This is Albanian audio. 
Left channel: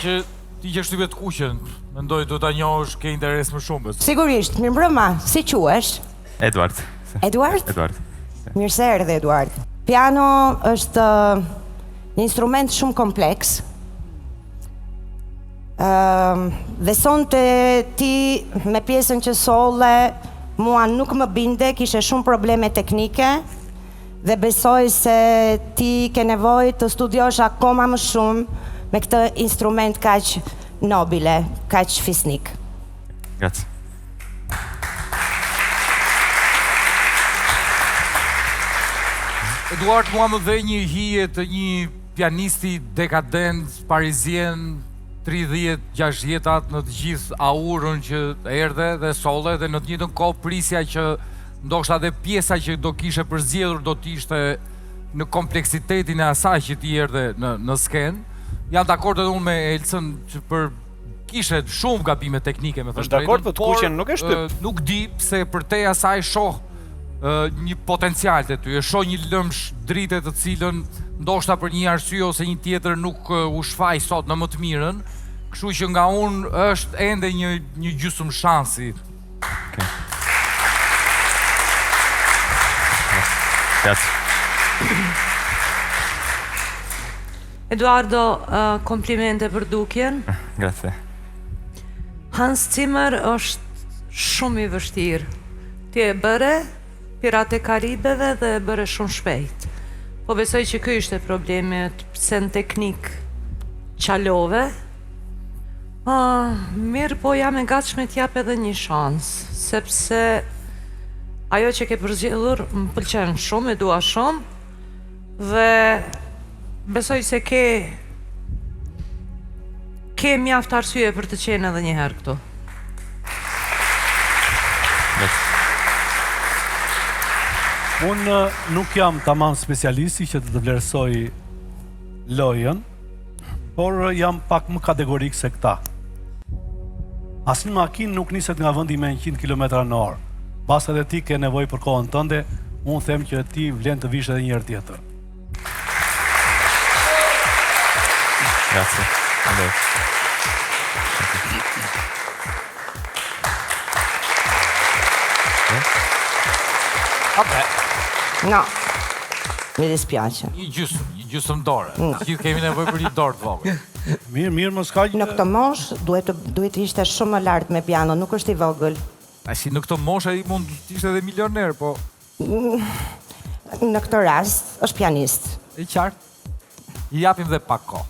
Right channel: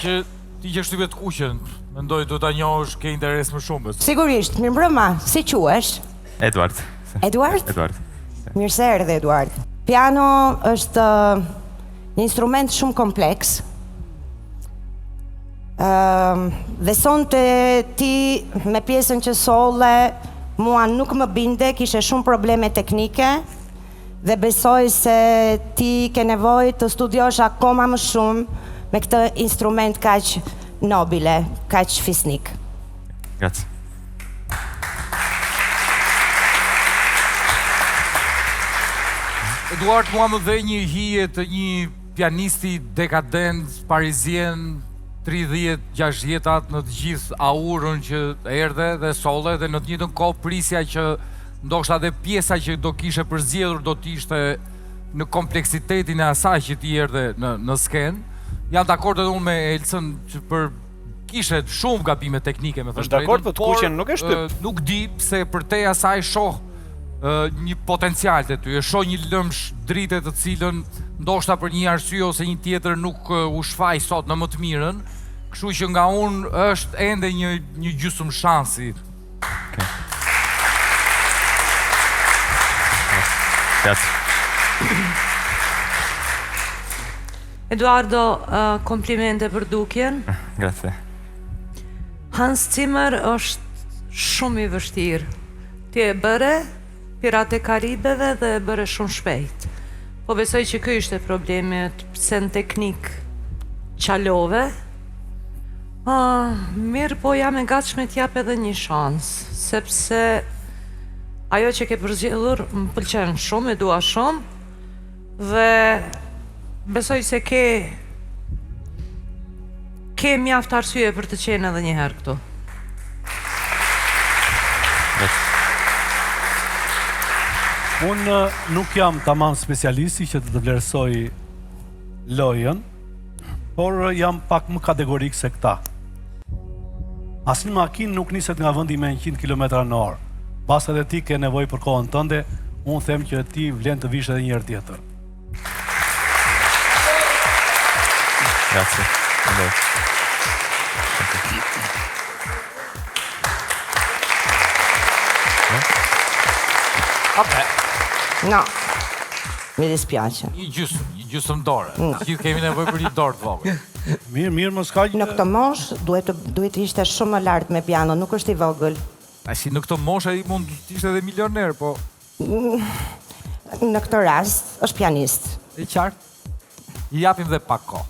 që ti që shtypet kuqen, mendoj do ta njohësh ke interes më shumë. Sigurisht, mirëmbrëma, si quhesh? Eduard. Eduard? Eduard. Mirë se erdhe, Eduard. Piano është një instrument shumë kompleks. Dhe sonte ti me pjesën që solle, mua nuk më binde, kishe shumë probleme teknike dhe besoj se ti ke nevojë të studiosh akoma më shumë me këtë instrument kaq nobile, kaq fisnik. Grazie. Eduard, mua më dhe një hije të një pianisti dekadent, parizien, 30-60 në të gjithë aurën që erdhe dhe solle dhe në të njëjtën kohë prisja që ndoshta dhe pjesa që do kishe përzgjedhur do t'ishte në kompleksitetin e asaj që ti erdhe në skenë. Jam dakord edhe unë me Elcën që kishe shumë gabime teknike me thënë drejtën. Është dakord, po të kuqen nuk e shtyp. Nuk di pse përtej asaj shoh një potencial të ty, e shoh një lëmsh drite të cilën ndoshta për një arsye ose një tjetër nuk u shfaq sot në më të mirën, kështu që nga unë është ende një gjysmë shansi. Okay. Grazie. Eduardo, komplimente për dukjen. Grazie. Hans Zimmer është shumë i vështirë. Ti e bëre Piratë e Karibeve dhe e bëre shumë shpejt. Po besoj që ky ishte problemi, pse në teknik qalove. Mirë, po jam e gatshme t'jap edhe një shans, sepse ajo që ke përzgjedhur më pëlqen shumë, e dua shumë, dhe besoj se ke mjaft arsye për të qenë edhe një herë këtu. Unë nuk jam tamam specialisti që të vlerësoj lojën, por jam pak më kategorik se këta. Asnjë makinë nuk niset nga vendi me 100 km/h. Pas edhe ti ke nevojë për kohën tënde, unë them që ti vlen të vish edhe një herë tjetër. Grazie. Vabbè. No, mi dispiace. Një gjysmë dorë. Gjithë kemi nevojë për një dorë të vogël. Mirë, mos ka Në këtë moshë duhet të ishte shumë më lart me piano, nuk është i vogël. Si në këtë moshë ai mund të ishte edhe milioner, po Në këtë rast është pianist. E qartë. I japim dhe pak kohë.